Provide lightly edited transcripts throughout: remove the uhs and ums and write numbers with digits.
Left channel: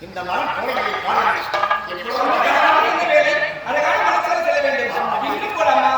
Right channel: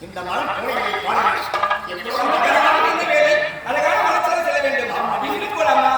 இந்த மரம் கோடைகளை பாருங்கள் அழகான மரத்தில் செல்ல வேண்டும் வீட்டுக்கு போலாமா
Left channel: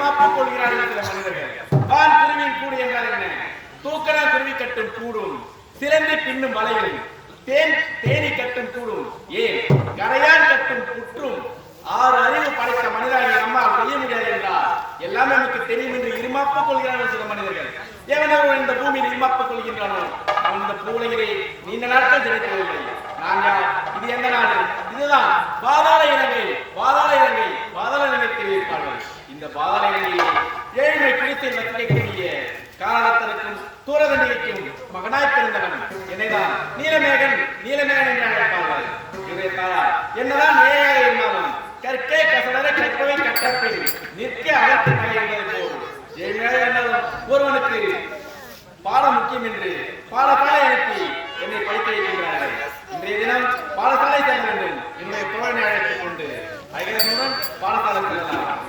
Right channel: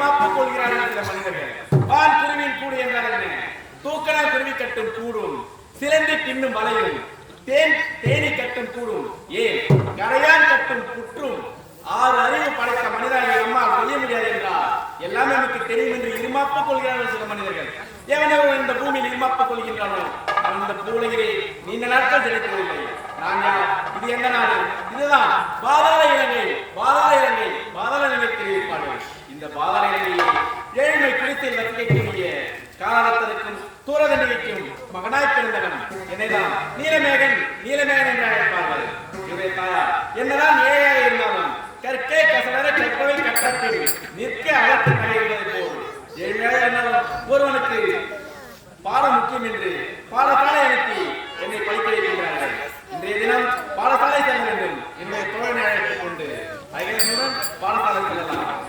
இருமாப்பு கொள்கிறார்கள் சில மனிதர்கள். வான் குருவின் கூடு என்றால் என்ன? தூக்கணா குருவி கட்டும் கூடும், சிலந்தி பின்னும் வலையும், தேனி கட்டும் கூடும், ஏன் கரையான் கட்டும் புற்றும், 6 அறிவு படைத்த மனிதராகிய நம்மால் செய்ய முடியாது என்றால் எல்லாமே நமக்கு தெரியும் என்று இருமாப்பு கொள்கிறார்கள் சில மனிதர்கள். எவனோ இந்த பூமியில் இருமாப்பு கொள்கின்றானோ அவன் இந்த பூலையிலே நீண்ட நாட்கள் கிடைக்கவில்லை. நான் யார்? இது எந்த நாடு? இதுதான் பாதாள இலங்கை. பாதாள இலங்கை, பாதாள இலங்கை தெரிவிப்பார்கள். இந்த பாதாள இலங்கையை ஏழ்மை குறித்தில் வசிக்கக்கூடிய காலகத்திற்கும் தூரதண்டிகைக்கும் மகனாய் பிறந்தவன் என்னைதான் நீலமேகன் என்று அழைப்பார்கள். இவருடைய தாயார் என்னதான் ஏழையாக இருந்தாலும் கற்கே கசடர கற்பவை கற்றப்பின் நிற்க அழைத்து நகை போல் ஏழ்மையாக இருந்தாலும் ஒருவனுக்கு பாடம் முக்கியம் என்று பாடசாலை அனுப்பி என்னை படிக்க வைக்கின்றார்கள். இன்றைய தினம் பாடசாலை செல்ல வேண்டும். என்னுடைய தோழனை அழைத்துக் கொண்டு அகிலனுடன் பாடசாலை செல்லலாம்.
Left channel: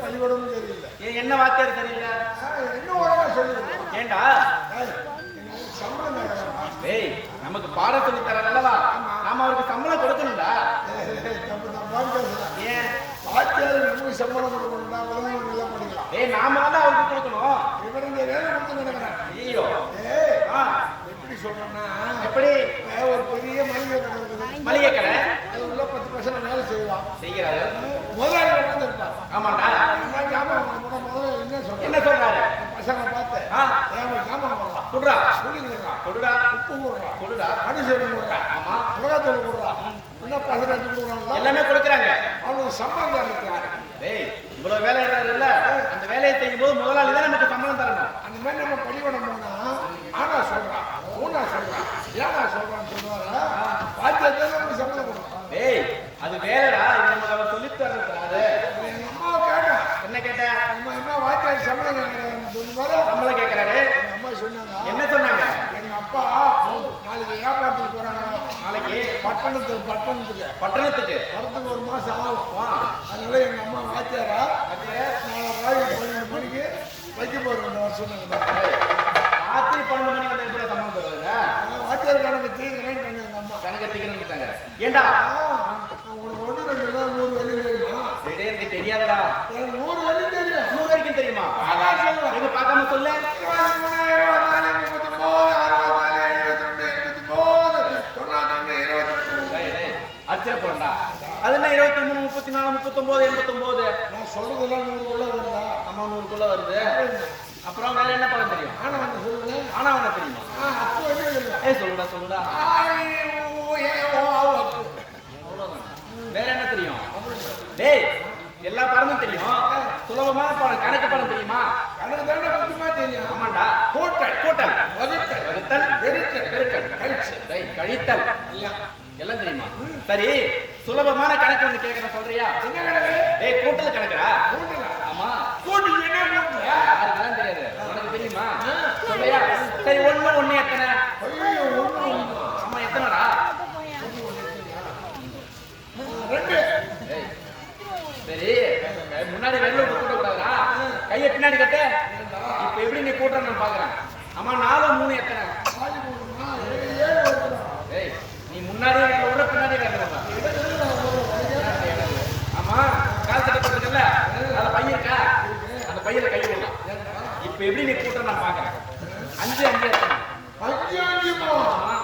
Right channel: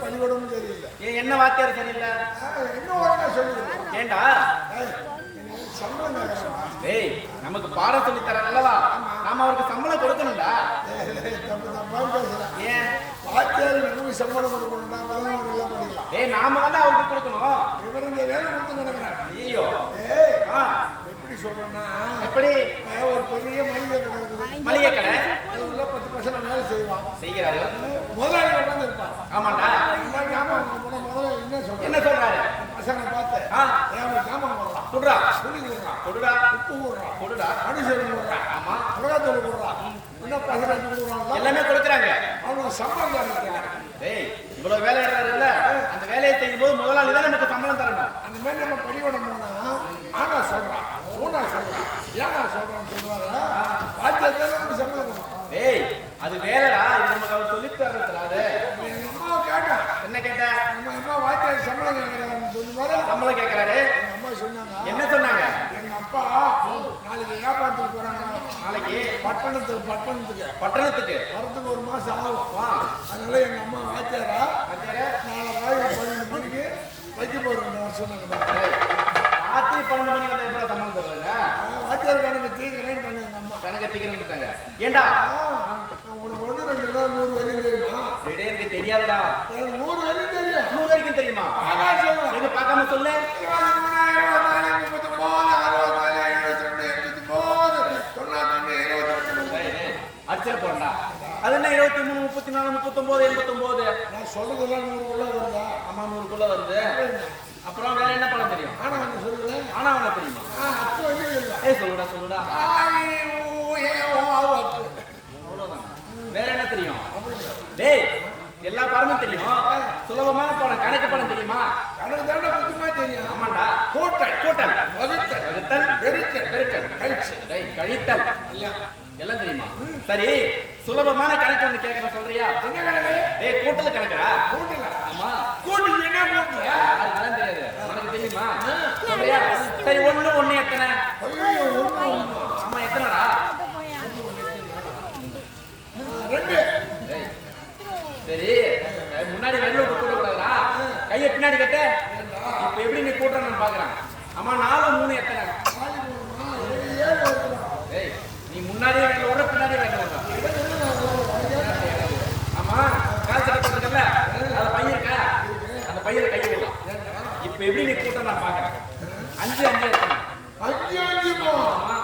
பள்ளிக்கூடமும் சரியில்லை. என்ன வாத்தியார் சரியில்லை? இன்னும் ஒழுங்கா சொல்லிடுங்க. ஏண்டா சம்பளம் ஏய், நமக்கு பாடம் சொல்லி தரலவா, நாம அவருக்கு சம்பளம் கொடுக்கணும்டா. ஏன் வாத்தியார் நமக்கு சம்பளம் கொடுக்கணும்டா? எல்லாம் படிக்கலாம். ஏய், நாம தான் அவருக்கு கொடுக்கணும். இவர் இங்க வேலை கொடுத்து நினைக்கிறேன். ஐயோ, எப்படி சொல்றேன்னா, எப்படி ஒரு பெரிய மளிகை கடை இருக்குது. மளிகை கடை, அது உள்ள 10 பசங்க வேலை செய்கிறாங்க. முதலாளி வந்து இருப்பார். ஆமாண்டா. முதல்ல என்ன சொல்றாரு? பசங்களை பார்த்து ஆ. ஏன் ஜாமான் போடுறான் குடுறா புளி கொடுறான் கொடுடா உப்பு கொடுறான் கொடுடா மனுஷன் கொடுறான் ஆமா மிளகாத்தூள் கொடுறான் இன்னும் பசங்க கொடுறான்ல எல்லாமே கொடுக்குறாங்க. அவனுக்கு சம்பளம் தான் இருக்கிறாரு. டேய் இவ்வளவு வேலை இல்ல அந்த வேலையை செய்யும் போது முதலாளி தான் நமக்கு சம்பளம் தரணும். அந்த மாதிரி நம்ம பள்ளிக்கூடம் போனா ஆனா சொல்றான் ஊனா சொல்றான் ஏனா சொல்றான்னு சொல்லுவாரா வாத்தியார் நமக்கு சம்பளம் கொடுக்கும். டேய் அது வேலைடா இது நமக்கு அவர் சொல்லி தர்றது. எங்க அம்மாவை கேட்டேன் என்ன கேட்ட? அம்மா வாத்தியார் சம்பளம் கேட்கறாருன்னு சொல்லுவாரு. சம்பளம் கேட்கிறாரு. எங்க அம்மா சொன்னாங்க என்ன சொன்னாங்க? எங்க அப்பா நாளைக்கு வியாபாரத்துக்கு போறாங்க. நாளைக்கு பட்டணத்துக்கு பட்டணத்துக்கு வரத்துக்கு ஒரு மாசம் ஆகும். அதனால எங்க அம்மா வாத்தியாரா நாளை ராத்திரி 12 மணிக்கு வைக்க போறோம் வர சொன்னாங்க. ராத்திரி 12 மணி வந்தா எப்படி சம்பளம் தருவாங்க? வாத்தியார் கணக்கு தீக்கிறேன்னு பண்ணி எங்க அம்மா கணக்கு தீக்கிறேன்னு ஏண்டா உனக்கு 1 2 நாள் 100 வழி தெரியுமா? எனக்கு தெரியாதுடா. எனக்கு 100 வழி தெரியும். 100 வரைக்கும் தெரியுமா? எங்க பார்க்காம சொல்ல. 23 போறா. அது என்ன 23 34 39 89? நான் சொல்றதெல்லாம் 100 வருதா? ஆமா 100 வருது. அப்புறம் வேற என்ன படம் தெரியும்? ஆனா வந்து சொல்லுங்க. ஆனா அவன தெரியுமா? அத்து வழி இல்ல. சொல்லுடா. அவ்வளவுதான். வேற என்ன தெரியும்? டேய் எல்லா படமும் தெரியும். சுலபமான படம் கணக்கு படம் தெரியுமா? கணக்கு தானே முக்கியமா தெரியும். ஆமாண்டா. கூட்டல் வகுத்தல் பெருக்கல் கழித்தல் எல்லாம் தெரியுமா? சரி சுலபமான கணக்கு ஒண்ணு கேட்கற சொல்றியா? என்ன கணக்கு? டேய் கூட்டல் கணக்குடா. கூட்டல. ஆமா. கூட்டல் என்ன கூட்டல்? யாருக்கெல்லாம் தெரியாது. உனக்கு தெரியுமா? சொல்றியா? சரி 1 எத்தனை? ஐயோ 1 ஆமா எத்தனைடா? 2. டேய் சரி முன்னாடி வெள்ள விட்டு கூட்ட கூடாதுடா. கையை பின்னாடி கட்ட. இப்ப எப்படி நீ கூட்டுறன்னு நான் பாக்குறேன். ஆமா 4 3 எத்தனை? 7 வருதுடா. டேய் நீ முன்னாடியே வேலை விட பின்னாடியே வேலை விடுறா. ஆமா கால் சட்டை போட்டுருக்கல அதுல பையன் இருக்கா? அந்த பையில கையை விடலாம். இப்ப எப்படி நீ கூட்ட நான் பாக்குறேன். 5 எத்தனை? 5 ஆமா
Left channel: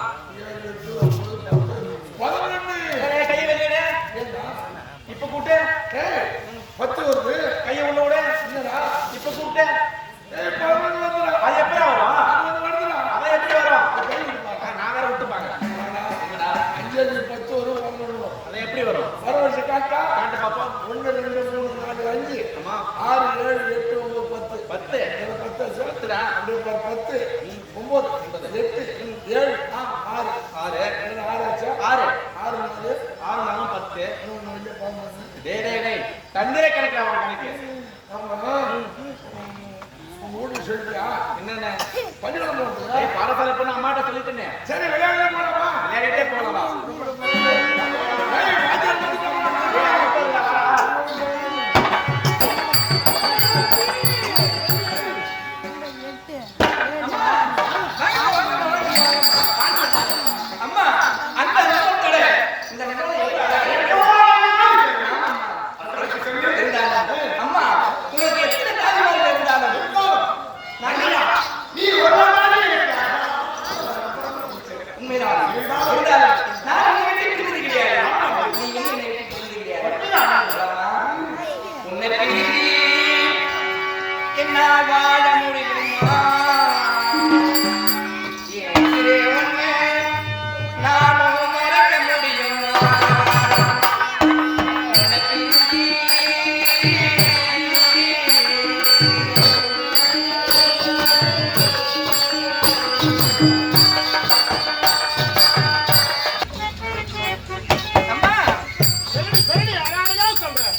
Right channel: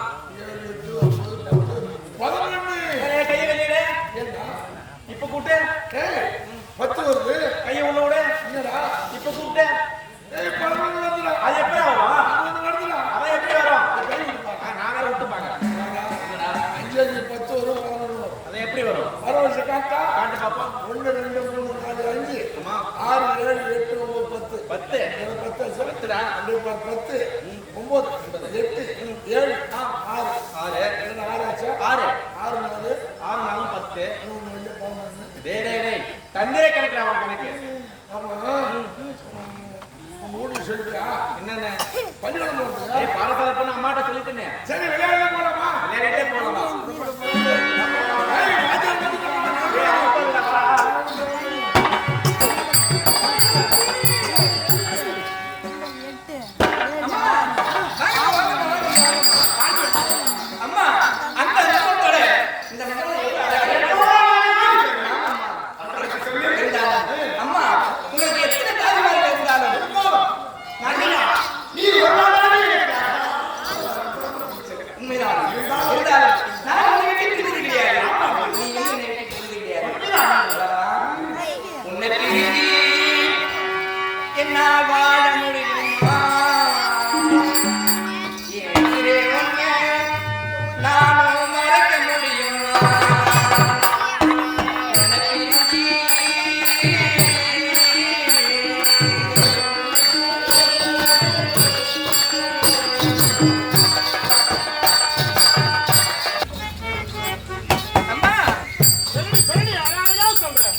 11. கையை வெளியிட. இப்ப கூட்டு. 10 வருது. கையை உள்ள விட. என்னடா இப்ப கூப்பிட்டு 11 வருதுடா. அது எப்படி வரும்? 11 வருதுடா. அவன் எப்படி வரும்? நான் வேற விட்டு பாக்குறேன். 5 10 வரும் 11 வரும். அது எப்படி வரும்? பரவாயில்ல காட்டா. காட்டு பாப்போம். 1 2 3 4 5. ஆமா 6 7 8 9 10. 10 10டா. அப்படியே 10 9 8 7 6 6 6 ஆச்சா? 6 6 4 6 4 10. இன்னொன்னு வந்து 11. டேய் தந்திர கணக்கு அவன் கணக்கு. ஆமா. உங்க வீட்டுக்கு சொல்லிட்டியா? என்னென்ன பள்ளிக்கூடம் போறதுக்கா? ஏய் பாடசாலை போன அம்மாட்ட சொல்லிட்டேனே. சரி விளையாட போலாமா? விளையாடிட்டே போலாமா? ஏய் வாத்தியார் வந்துட்டாங்க. ஏய் அனுப்பறடா வரா. அம்மா அந்த நிலத்தோட இந்த நிலத்தோட அம்மா உங்களுக்கு எத்தனை தாய்மார்கள் இருந்தாலும் நீ ஒருவனாக உண்மைதான் இருந்தாலும் நான் உன்னை விட்டு பிரிந்து கிடையாது. நீ என்னை விட்டு பிரிந்து கிடையாது. உன்னை பிரிந்து என்னால் வாழ முடியுமா? என்று உன்னை நானும் மறக்க முடியுமா? உன்னை பிரிந்து அம்மா சரி அழகா சொல்றேன்.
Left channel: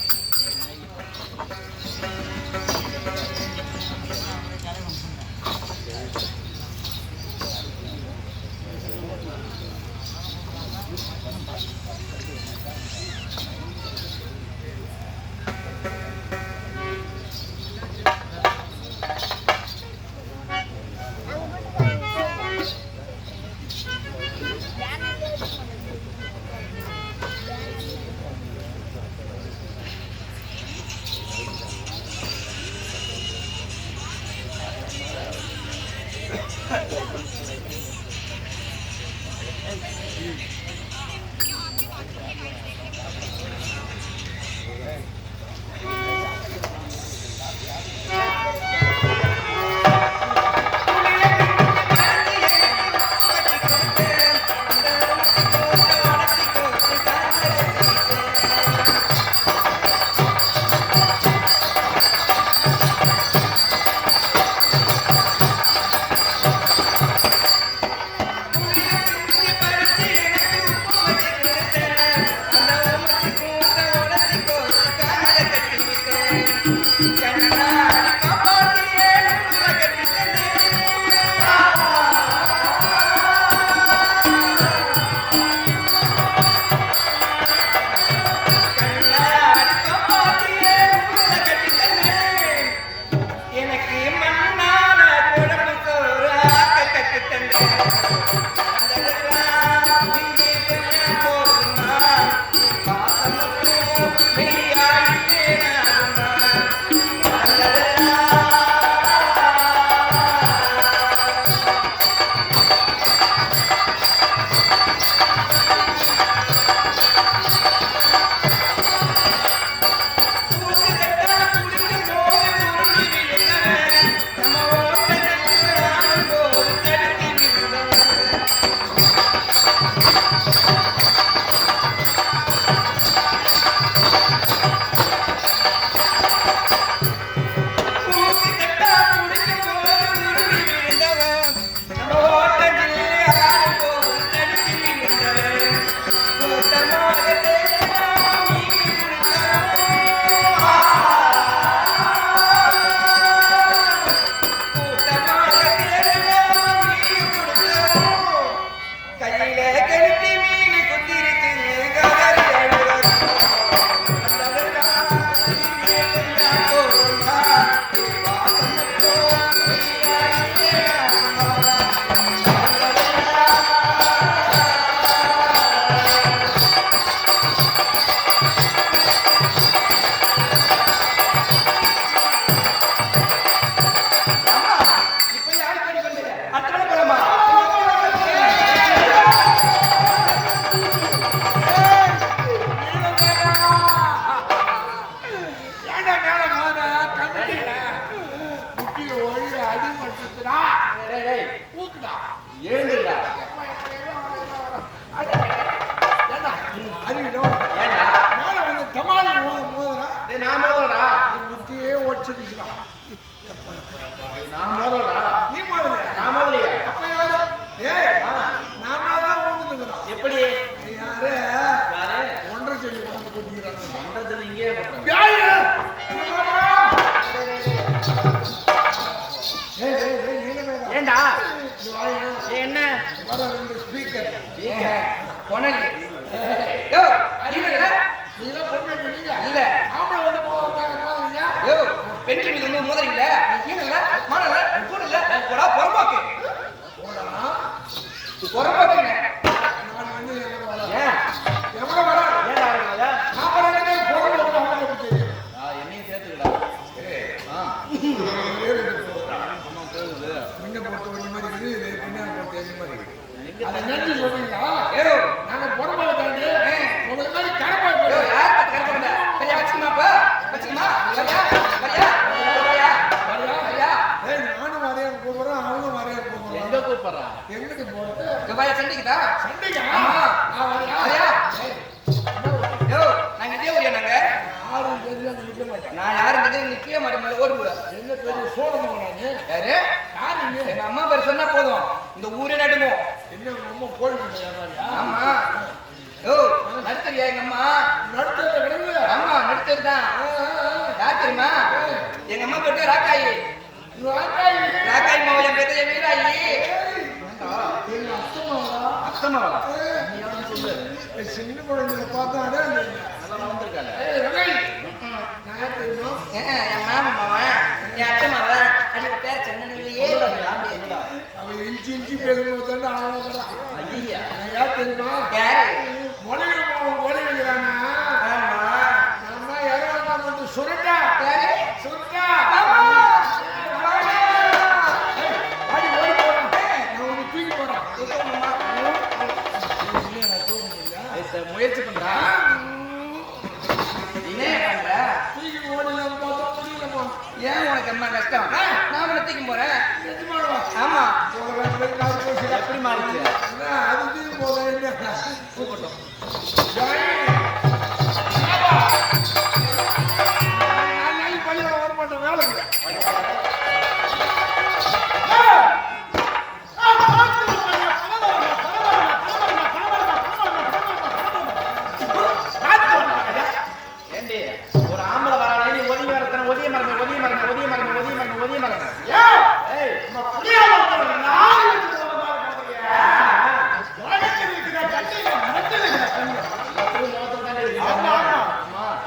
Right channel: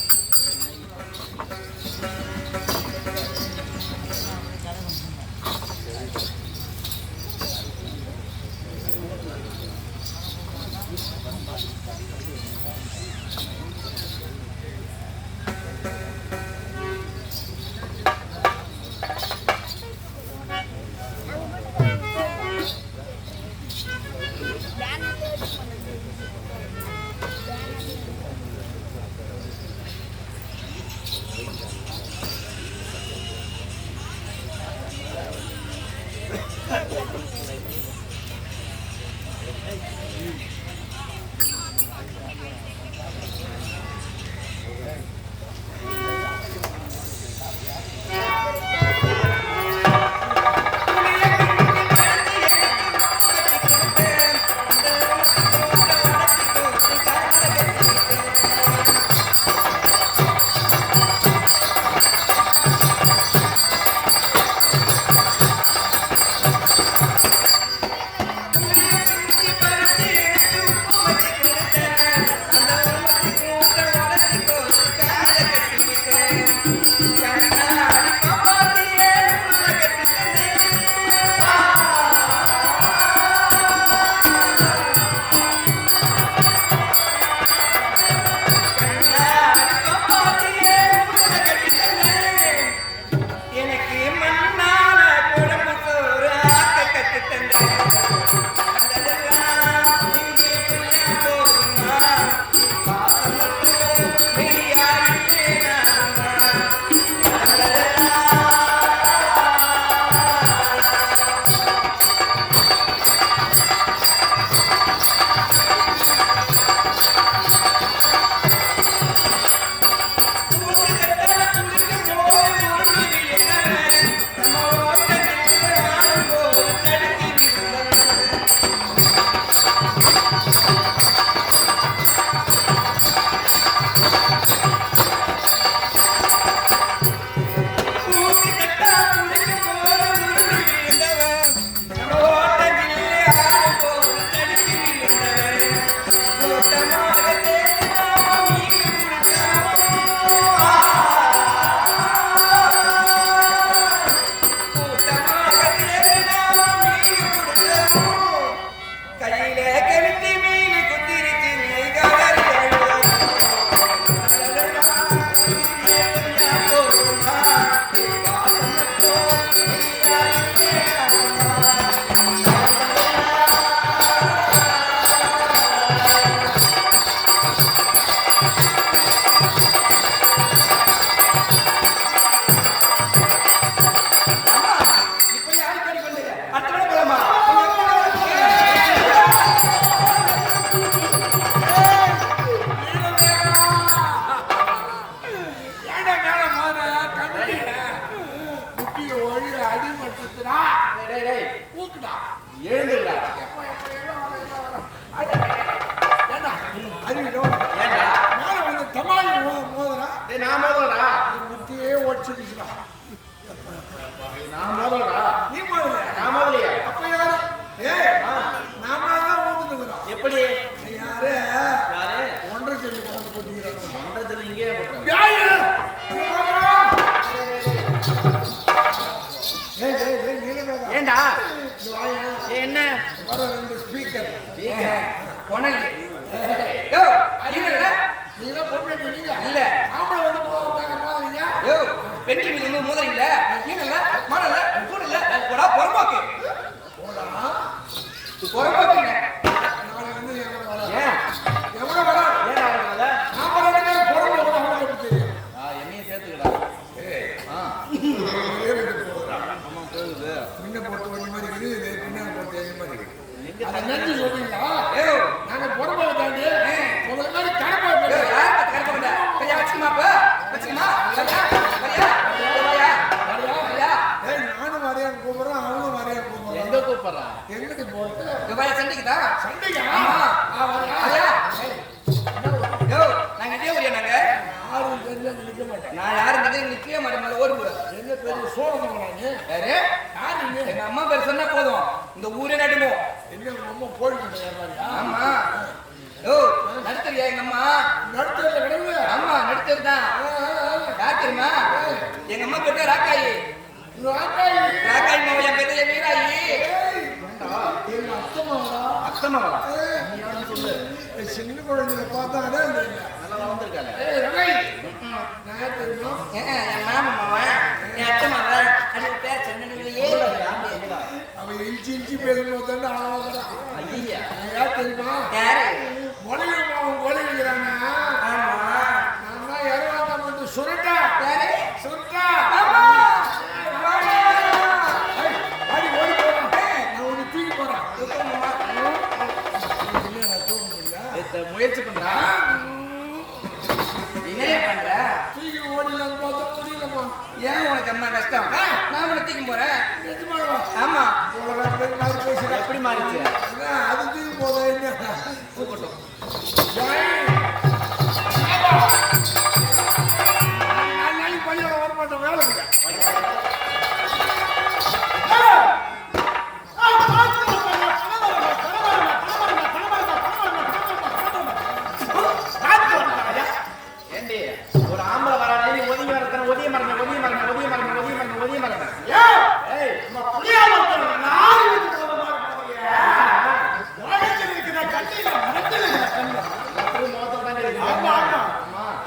எப்படி ஒன்றரை சொல்லி கொண்டு போட்டுக்கிறாங்க. ஏண்டா என்ன வர ரெண்டு ஸ்பீக்கர் இல்ல ஆம்பளை வந்து போவாங்க பெண்கள் மீது மோதறீங்களா? ஏனல்ல மாடல கூடல போடா பொறம்போக்கு பொறம்போக்குங்க. நான் வந்து ஏன் எவ்வளவு வர ஏன் ஆரம்பிக்கல? நான் வரவே பொறம்போக்கு தெரியும். என்னையும் சேர்த்துக்கடா. முன்ன போட்டு ஒரு மாதிரி இருக்குது, பின்னாடி போட்டு ஒரு மாதிரி இருக்குது. அதை நன்றி சொல்றீங்களா? நாங்க பொறம்போக்கு தாண்டி உங்களை மாதிரி கரப்பாடு யார் பார்த்து கரப்பாடு? சரியா வச்சுக்கமாப்பா வச்சுக்கமா சரியா சரியா சரியா ஏய் நானும் வரையான் கூப்பிடுறேன், அவனும் வரையான் கூப்பிடுறான். எங்க கூப்பிடுறா? எங்கடி போறது? துபாய் சண்டைக்குதா? சண்டையா? ஆமா. சரியா? யோ நாங்க இதே ஊரியா நாங்க? யாரும் பெரிய நிக்க மாட்டேன். நான் யாரும் பெரிய நிக்கவே மாட்டேன். ஓடி போற. என்ன பெரிய சோழமாங்க? யாரு? யாரு நீ? எங்க அம்மா பேர் சொன்னா போதும். இந்த ஊரே நடுமோ. என்ன உங்க அம்மா கோழி பண்ண வியாபாரியா? ஆமா. யோ நடுத்தறியா எங்க அம்மா? நடுத்தல கிடையாது. ஆமா நடுத்தறதான். யார் தெரியுமா? எங்க அம்மா பேர் ராக்காயி. ராக்காயி. ராக்காயி மாவ என் பேர் வீராயி. எங்க அத்தம்மாவா? அத்தம்மாவா? சின்ன குழந்தைங்க பார்த்தாடே நல்லா வளர்ந்துருக்காங்க. ரகாய் நான் தெரியுமா? என் மாமா மாவன் என் அத்தை மாவன் அது பேர் சொன்னதுலயே அவன் இஞ்சி இஞ்சி பேசும்போது தானே ஆளாகிறா. நான் யார் தெரியுமா? யாரு? மொழிகள் மாவன் மொழிகிறாங்க. ஆமா நம்ம யாரும் வந்து சுரண்டா யாரு? சுரண்டா அடி ஓடி போறான். நான் உன்னை தூக்கி போறான். முயற்சி பண்றா என்ன பண்ற? தூக்கி ஓடினான்னு பார்த்தா முடியலம்மா. ஏன் உனக்கு அம்மா கஷ்டம்? நான் உன்னை தூக்கி போறேன். ஆமா எப்படி மாறிச்சு? அது தூக்கி போதா என்ன கூப்பிட்டோம். நாளைக்கு பள்ளியோட வரமாட்டோம் வேலை இல்லை. ஒரு ஆம்பளை வர ஒதுங்கி வரத்தன ஒதிய மரங்க ஒதிய மரங்க ஒதிய மரங்க ஒதிய மரங்க ஒதிய மரங்க.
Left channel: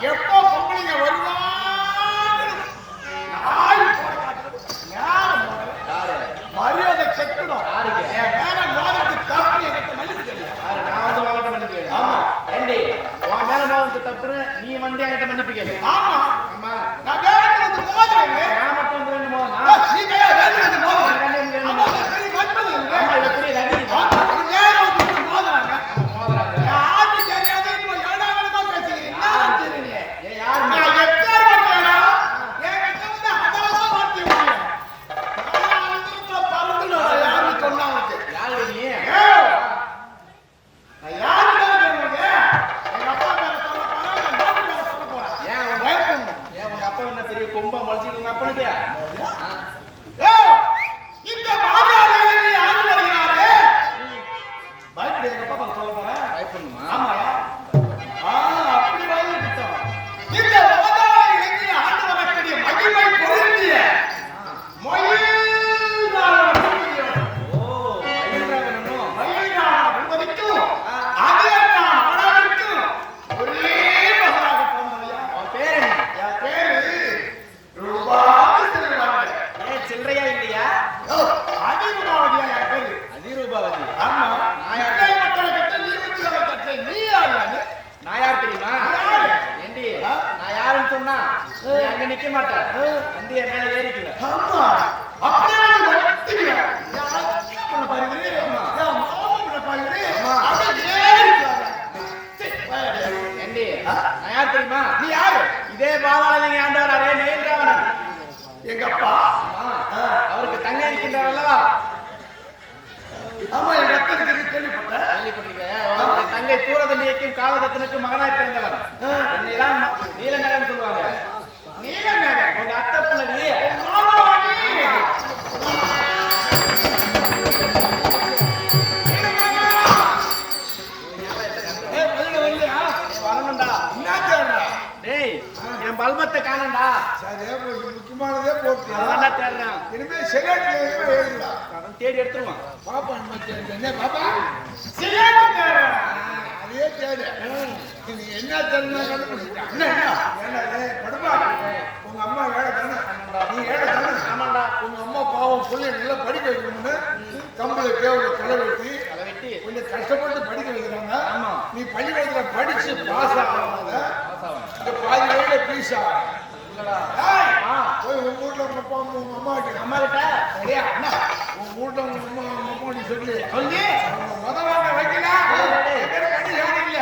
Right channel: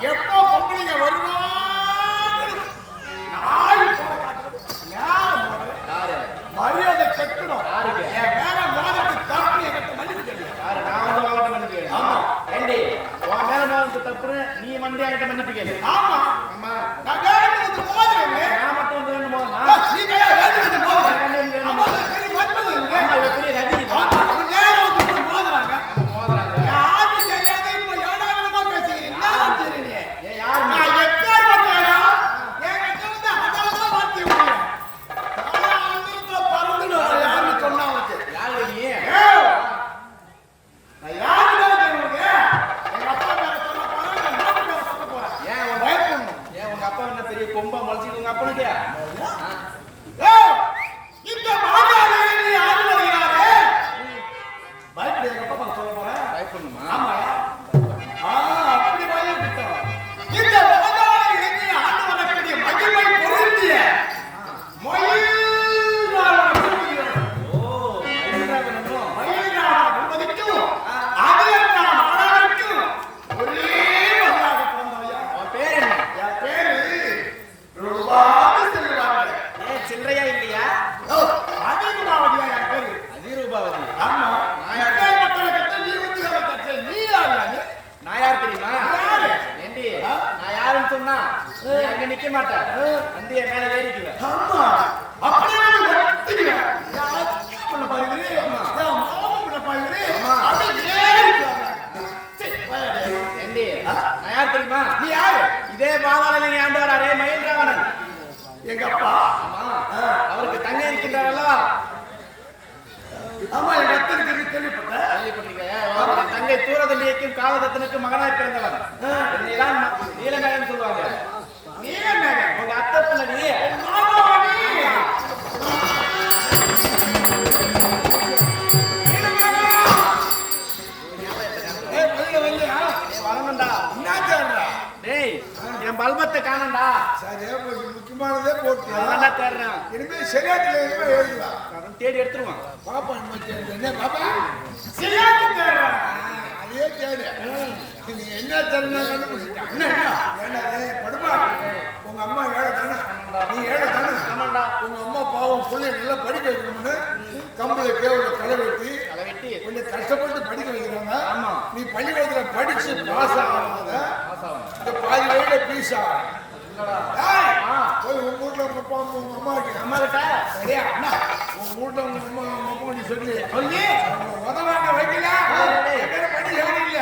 எப்போ பொம்பளைங்க வருவாங்க மரியாதை கட்டணும். மேல மோதலுக்கு தப்பு என்கிட்ட மன்னிப்பு தெரியும். நான் வந்து வாங்கிட்ட மன்னிப்பு. ஆமா ஏண்டி உன் மேல மோதலுக்கு தப்பு நீ வந்து என்கிட்ட மன்னிப்பு கேளு. ஆமா ஆமா நான் வேலைக்கு வந்து மோதுறேங்க. நான் மட்டும் வந்து ரெண்டு மோதனா நீ வேலைக்கு வந்து மோதுறேன். ஆமா இவ பெரிய ரகடி மோதுறாங்க. மோதறாங்க. யாருக்கு தெரியாத இப்போ ஏடாகலமா பேசுகிறீங்க. நான் தெரியுங்க. ஏ யாரு? நான் எக்கார் வரேனா? என்கிட்ட வந்து அதலமா மாத்தி விடுங்க. நான் வந்து பறந்துடணும். யாரு சொன்னா உங்களுக்கு? யாரு நீ? நான் யாருக்கிட்ட சொல்லுங்க? எங்க அப்பா பேர சொல்ல போறேன், நான் நாட்டு பேர சொல்ல போறேன். ஏன் உங்க பயப்படணும். ஏன் உங்க அப்பா என்ன பெரிய கொம்பா முளைச்சிட்டு உங்க அப்பனுக்கு ஏய், இந்த பாஜக நீ ஆண்டு வருகிறாரே. பயப்படு, எங்க அப்பா பேர சொல்ல போறேன். பயப்படணுமா? ஆமாயா? அப்படி பயப்பட்டோம். இந்த பாஜக இலங்கை ஆண்டு வரக்கூடிய மகிமை பொருந்திய மயில்நாதன் ஓ மயில்ராவணனும் மயில்நாதன் என்பதற்கும் அதியமான் ஆனதற்கும் ஒரே மகனாக பிறந்தவையா. அவன் பேர் என்ன? என் பேரு ரூபாவதி செல்வராமன். ஏன் சில்லறையா இல்லையா? அதிரூபாவதியா என் பேரு. அதிரூபாவதி. ஆமா. மக்கள் மக்களை கட்ட நீ வந்து கட்ட நீ யாரு? நான் யார் தெரியுமா? யாரு? ஏண்டி நான் யாருன்னு சொன்னா நீ அங்க நிக்க மாட்டேன், வந்து என் மேல ஏறிக்குவ. ஆமா. அப்படியே ஒட்டிக்குவ. யார் பண்ண பாருங்க? மாமா பண்ண பாருங்க. அப்படியே ஏறிக்குவாங்க. சரி, வாடா. ஏண்டி நான் யார் தெரியுமா? நீ யாரு? இதே பாதாள ஆண்டவர் அரே மயில்ராவணன். எங்க அப்பா. ஆமா, அவருக்கு தங்க இருக்கின்றாரல்லவா? ஆமா, எங்க அத்தனுக்கு கேள்விப்பட்டேன். கேள்விப்பட்டிருக்கேன். அவருடைய தங்கை தூரதண்டியைக்கும் காலதத்தனுக்கும் மகனாய் பிறந்தவர். என்னைதான் நீலமேகன் சொல்லுவாங்க. நீலமேகன் உங்க அத்தை பிள்ளை மாமாவாடி. வரணும்டா. என்ன தேடுறா? டேய் என் பல்பத்தை காணண்டா. சரி, முக்கியமானதே போட்டு அவன் தேடுறான். இனிமே சரியாட்டில் இனிமே எழுதலாம். அவன் தேடி எடுத்துருவான். பாப்பா நம்ம தேடு. என்ன பாப்பா? சரியாட்டு தேடுறா. அதே தேடு. நீ என்ன தேடுனா கண்டுபிடிச்சிட்டான். என்ன ஏன்னா படுப்பா, உங்க அம்மா ஏழை தானே, நீ ஏழை தானே. ஆமாண்டா. உங்க அம்மா பாவம் பிள்ளைய நல்லா படிக்க வைக்கணும்னு கம்பளை கேவல களை வெட்டி அதை வெட்டி கொஞ்சம் கஷ்டப்பட்டு படிக்க வைக்கிறாங்க. ஆமா. நீ பள்ளிக்கூடத்துல படிச்சு பாஸ் ஆகாத பாஸ் ஆகணும். இந்த பாதி வயல பீஸ் ஆகும். இல்லடா. போய் உங்க வீட்டுல உங்க அப்பா உங்க அம்மா கிட்ட அம்மா கிட்ட சரியா அண்ணா, உங்க வீட்டுல உங்க அம்மா உங்க அப்பா நீ சொல்லி அவங்க உதவாங்க வைக்கல படி யாரும் இல்ல.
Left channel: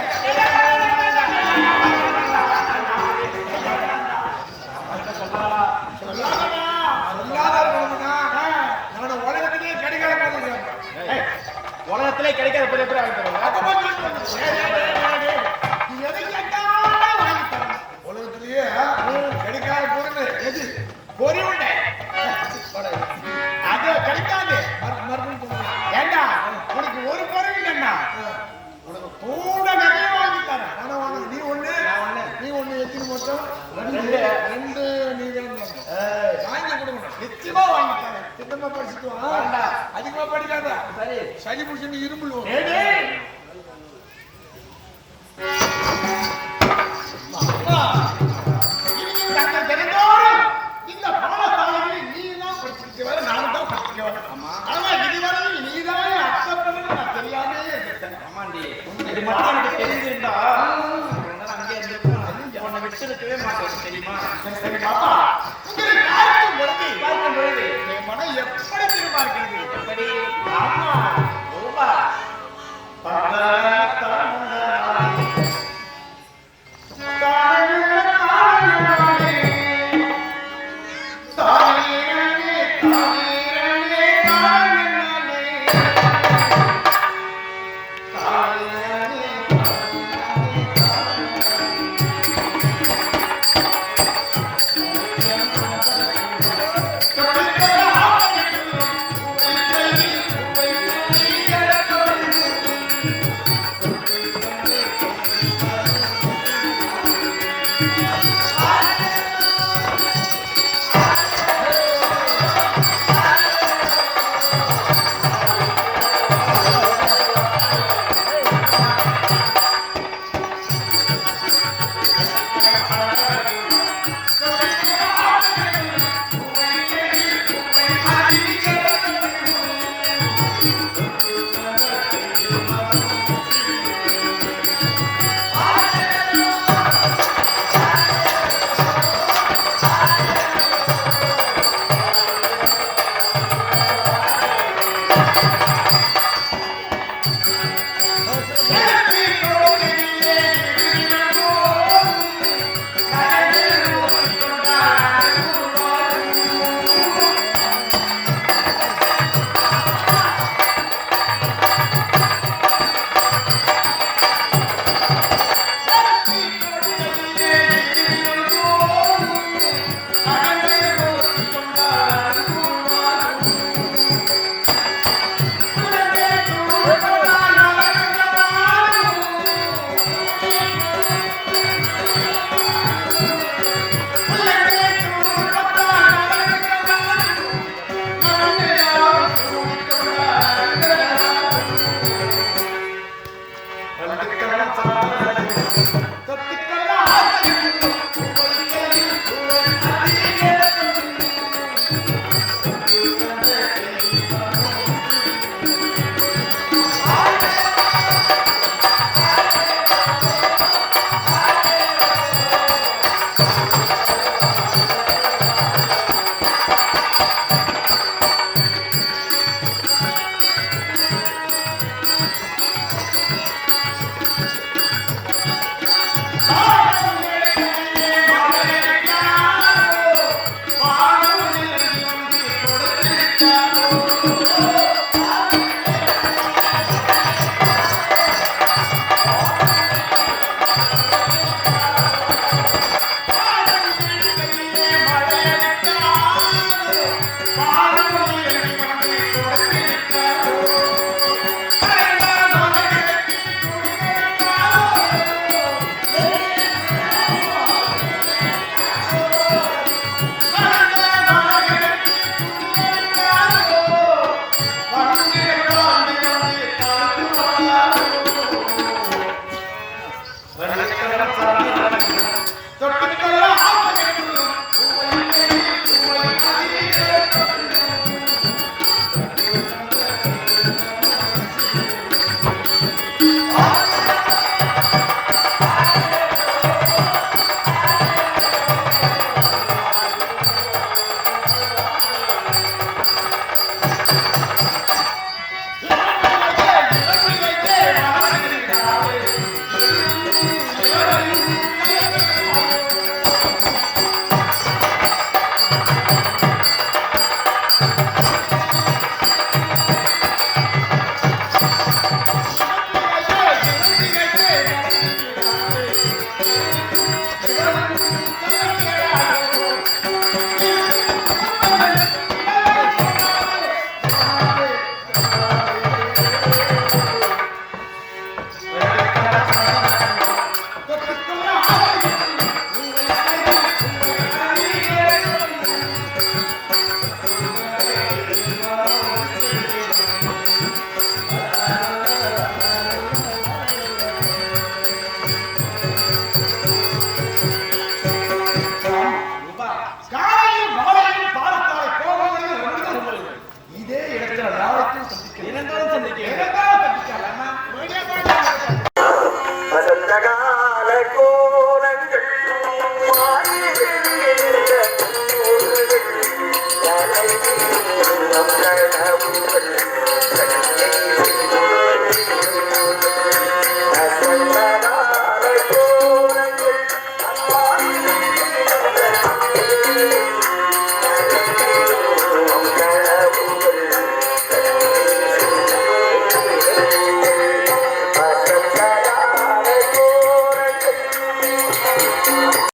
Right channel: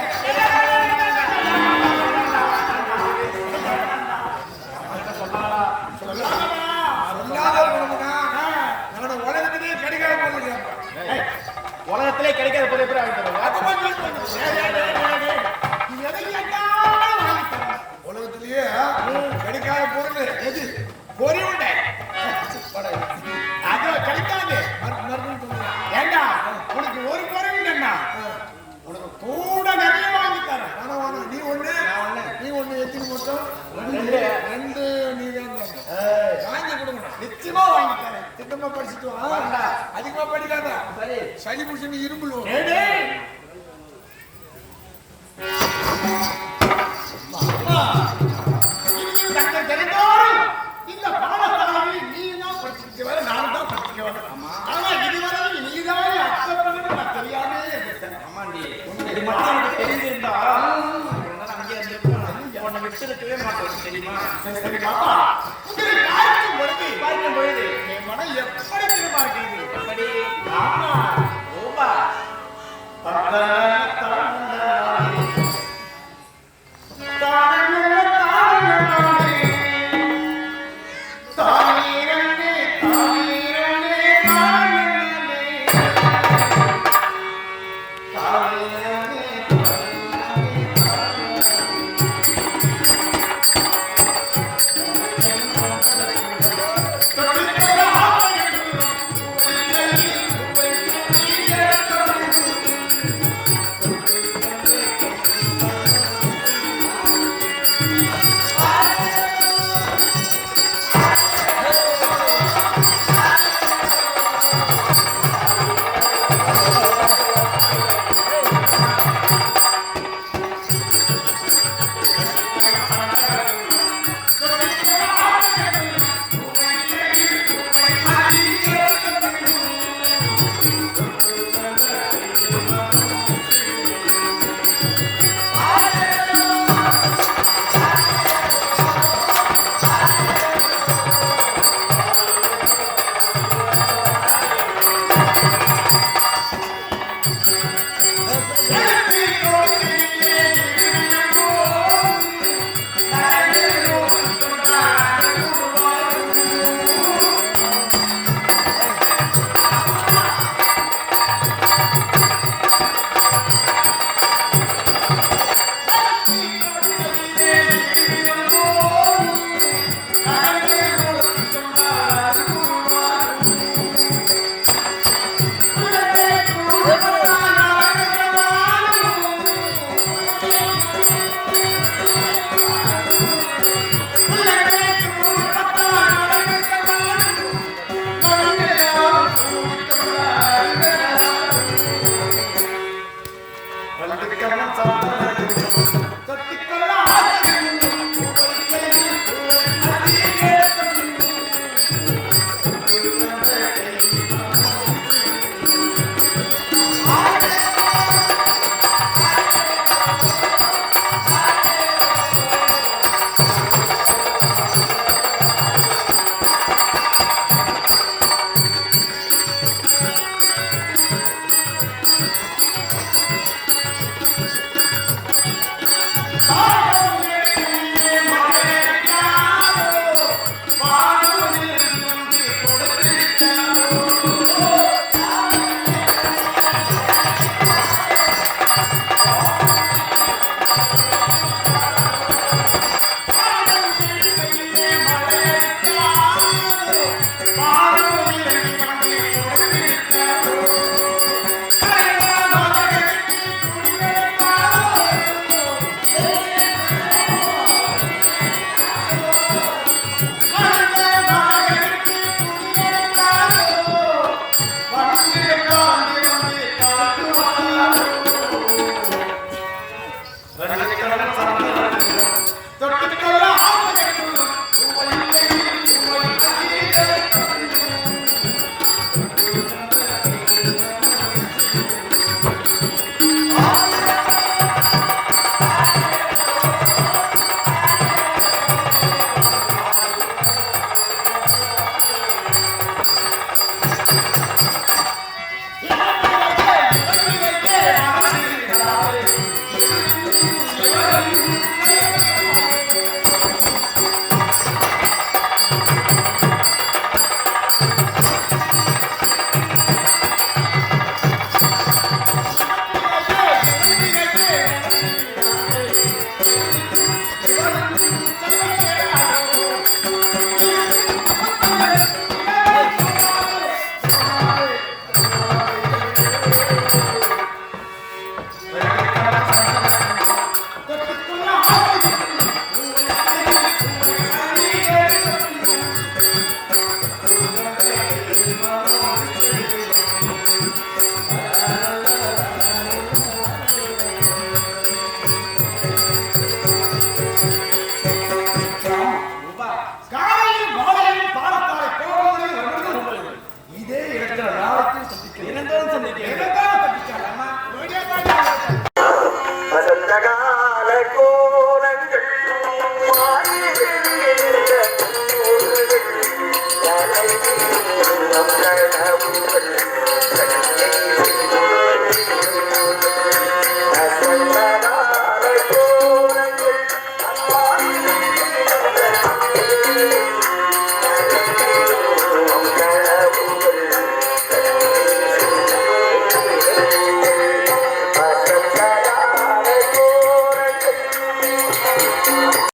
நான் உலகத்திலேயே கிடைக்காத போது கேட்பேன். உலகத்திலே கிடைக்காத பொருள் எப்படி ஆகிட்டு நீ எதை கேட்டாலும் வாங்கி தரேன். உலகத்திலேயே கிடைக்காத பொருள் எது? பொறி உண்டை. அது கிடைக்காது. மறுபடியும் சொல்லுங்க. ஏண்டா உனக்கு ஒரு குறைவு இல்லைன்னா உனக்கு கூட நிறைய வாங்கி தரேன். ஆனா வாங்க, நீ ஒண்ணு நீ ஒண்ணு எத்தனை மொத்தம்? ரெண்டு நீ வேண்டாம். வாங்கி கொடுக்கணும். நிச்சயமா வாங்கி தரேன். திட்டமா படிச்சுட்டு வா. அதிகமா படிக்காத. சரி. சளி பிடிச்சு இரும்புல் வரும். ஏடே அம்மா, இது தக்க தெரிந்தோறும் இந்த பாடசாலையில் நீ தான் படிச்சிருக்க வர, நானும் தான் படிச்சிருக்க வர. ஆனா இதுவரையில் நீ தான் அச்சப்படும் நான் தெரியாமே இருந்தேன். ஆமாண்டி, இது மட்டும் எனக்கு தெரிஞ்சிருந்தா அங்கே இருந்திருக்கும். உன்னை விட்டுருக்கவே மாட்டேன் தெரியுமா? சரி பாப்பா, உங்களை பார்க்கும் பொழுது பார்க்கும் பொழுது என் மனம் எப்படி தெரியுமா இருக்கிறது? எப்படி? ஆமா, ரூபா மனசார